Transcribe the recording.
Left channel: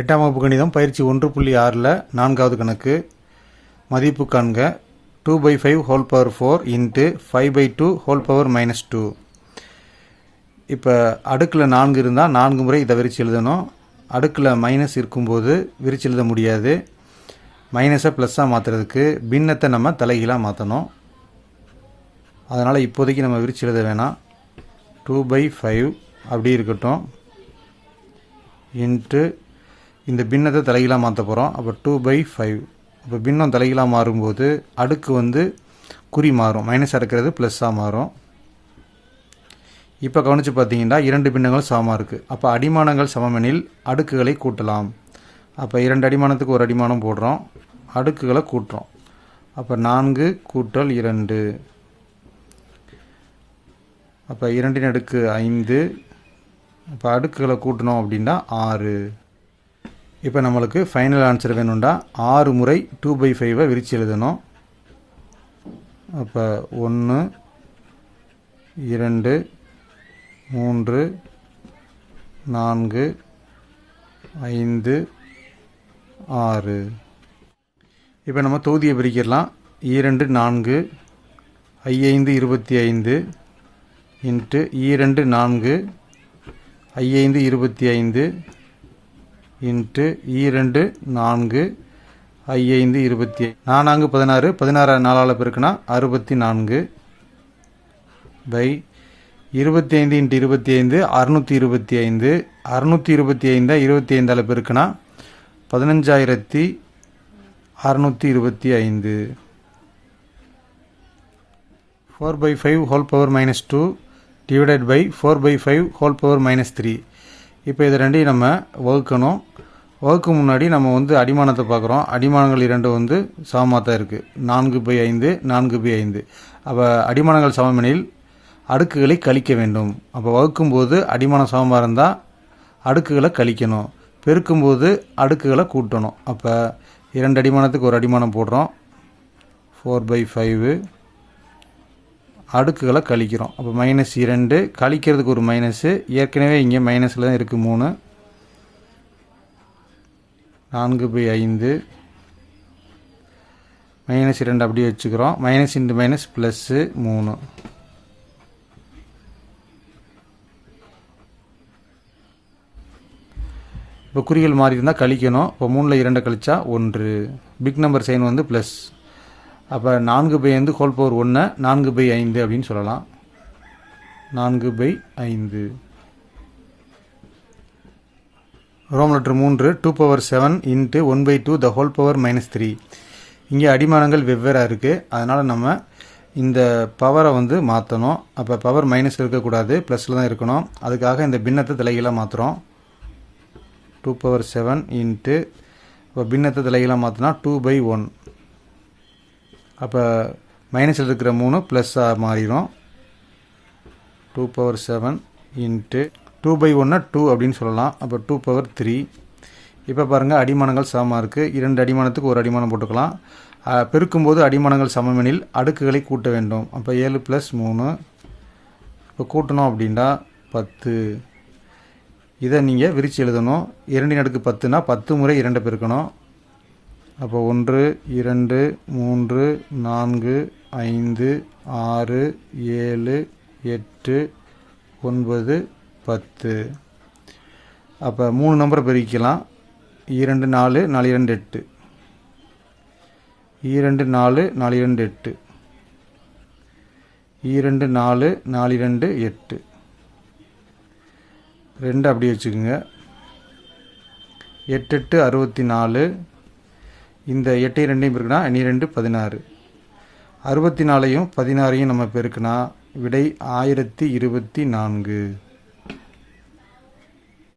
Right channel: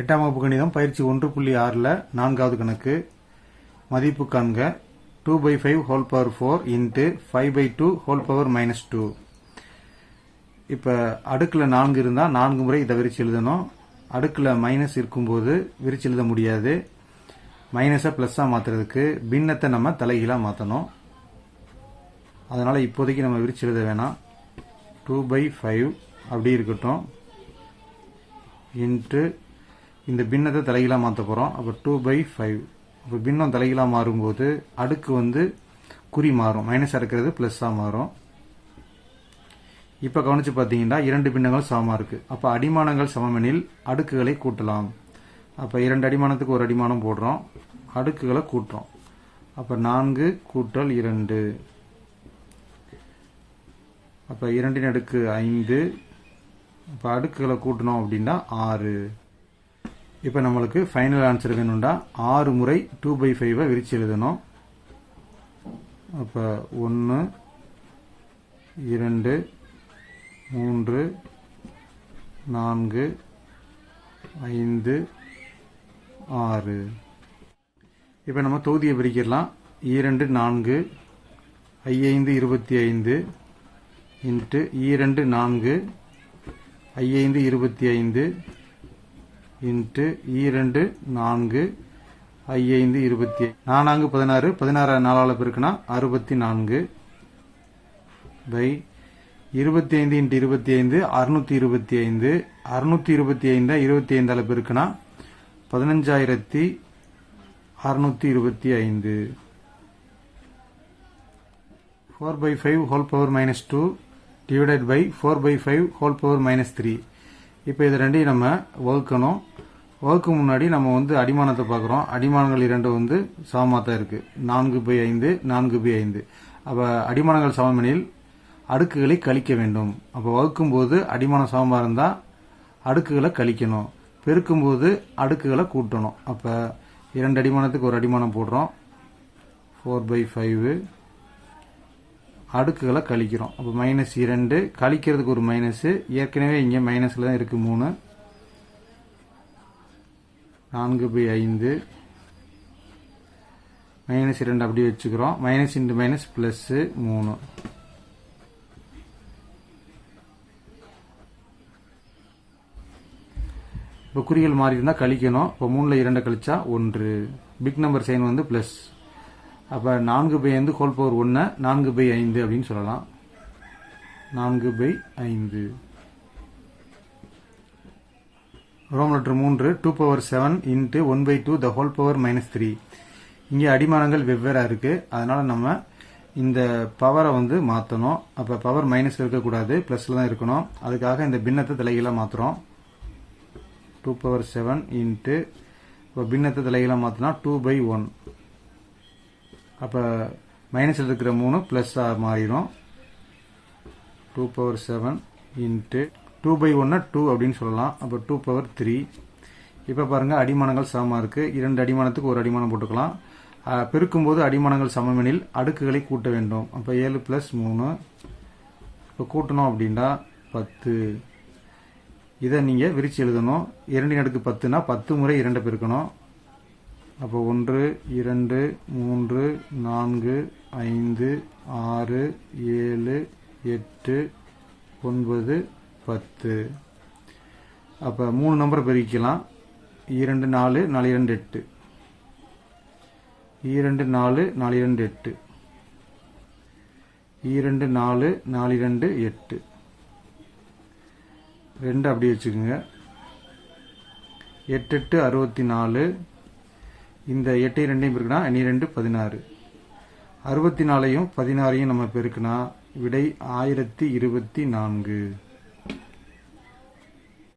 8ஆம் வகுப்பு கணிதம் பயிற்சி 1.6ல் 4வது கணக்கு மதிப்பு காண்க 2/5 whole power 4 into 5/2 whole power -2. இப்போ அடுக்கில் 4 இருந்தால் 4 முறை இதை விரித்து எழுதணும். அடுக்கில் மைனஸ் இருக்கும்போது விரித்து எழுத முடியாது. மைனஸை ப்ளஸ்ஸாக மாற்றுறதுக்கு பின்னத்தை நம்ம தலைகீழாக மாற்றணும். அதனால் இப்போதைக்கு நம்ம விரித்து எழுத வேணாம். 2/5 அப்படி இருக்கட்டும். இன்ட்டு இந்த பின்னத்தை தலைகீழாக மாற்ற போகிறோம். அப்போ 2/5. இப்போ பின்னம் தலைகீழாக மாறும்போது அடுக்கு வந்து குறி மாறும். மைனஸாக இருக்கிறது ப்ளஸ்ஸாக மாறும். இப்போ கவனித்து பார்த்தீங்கன்னா 2 பின்னங்கள் சமமாக இருக்குது. அப்போ அடிமானங்கள் சமமெனில் அடுக்குகளை கூட்டலாம். அப்போ 2 அடிமானத்துக்கு ஒரு அடிமானம் போடுறோம், அடுக்குகளை கூட்டுறோம். அப்போ 4 கூட்டல் 2. அப்போ 2 அடுக்கு 5. இப்போ அடுக்குகளை கூட்டணும் அப்படின்னா 6. இப்போ நம்மளுக்கு ஃபைனல் ஆன்சர் வேணும்டா 6 முறை 2/5 விரித்து எழுதணும். அப்போ 1 2 3 4 5 6. இப்போ நம்ம தொகுதியை பிரிக்கலாம். 2 4 5 25 இன்ட்டு 2 4 5 25 இன்ட்டு 2 4 5 25. 4 16 16 4ஆல் பெருக்குனா 64 பை 25 இன்ட்டு 25 625. 625 25ஆல் பெருக்குனா 15625. 4/5 whole power -2 divided by 4/5 whole power -3. இப்போ இது ரெண்டையும் நம்ம வகுக்கணும். வகுக்கு முன்னாடி நம்ம வந்து அடிமானத்தை பார்க்குறோம். அடிமானங்கள் 2 வந்து சமமாக தான் இருக்குது. 4/5 4/5. அப்போ அடிமானங்கள் சமமெனில் அடுக்குகளை கழிக்க வேண்டும். அப்போ வகுக்கும்போது அடிமானம் சமமாக இருந்தால் அடுக்குகளை கழிக்கணும். பெருக்கும்போது அடுக்குகளை கூட்டணும். அப்போ 2 அடிமானத்துக்கு ஒரு அடிமானம் போடுறோம். 4/5 அடுக்குகளை கழிக்கிறோம். அப்போ -2 கழிக்கிறதுக்கு ஒரு மைனஸு. ஏற்கனவே இங்கே மைனஸில் தான் இருக்குது 3. 4/5 -2 அப்படியே வச்சுக்கிறோம். Minus into minus plus 3. இப்போ குறிகள் மாறி இருந்தால் கழிக்கணும். இப்போ 3ல் 2 கழிச்சா 1. பிக் நம்பர் சைன் வந்து ப்ளஸ். அப்போ 4/5 ஹோல் பவர் 1 4/5 அப்படின்னு சொல்லலாம். 4/5. ரோம் letter 3 2/7 into 1/2 the whole power -3. இங்கே அடிமானங்கள் வெவ்வேறாக இருக்குது. அதனால் நம்ம இந்த பவரை வந்து மாற்றணும். அப்போ பவர் மைனஸ் இருக்கக்கூடாது, ப்ளஸில் தான் இருக்கணும். அதுக்காக இந்த பின்னத்தை தலைகீழாக மாற்றுறோம். 2/7 இன்ட்டு இப்போ பின்னத்தை தலைகீழாக மாற்றினா 2/1. அப்போ மைனஸில் இருக்கிற 3 ப்ளஸ்ஸாக மாறிடும். 2/7 இன்ட்டு 2/1 2 அப்படின்னு சொல்லலாம். அப்போ 2/3. இப்போ பாருங்கள் அடிமானங்கள் சமமாக இருக்குது. 2 அடிமானத்துக்கு ஒரு அடிமானம் போட்டுக்கலாம். பெருக்கும்போது அடிமானங்கள் சமமெனில் அடுக்குகளை கூட்ட வேண்டும். அப்போ 7 + 3. இப்போ கூட்டணும் அப்படின்னா 10. இதை நீங்கள் விரித்து எழுதணும். 2 அடுக்கு 10னா 10 முறை 2 பெருக்கணும். அப்போ 1 2 3 4 5 6 7 8 9 10. அப்போ 3 நம்பரை பெருக்கலாம். 2 4 4 2 8. 2 4 4 2 8. 2 4 4 2 8. 2 அப்படியே வச்சுக்கோங்க. 8 8 64. இந்த 8 2 பெருக்குனா 2 16. 64 16 நம்ம பெருக்குனா விடை 1024.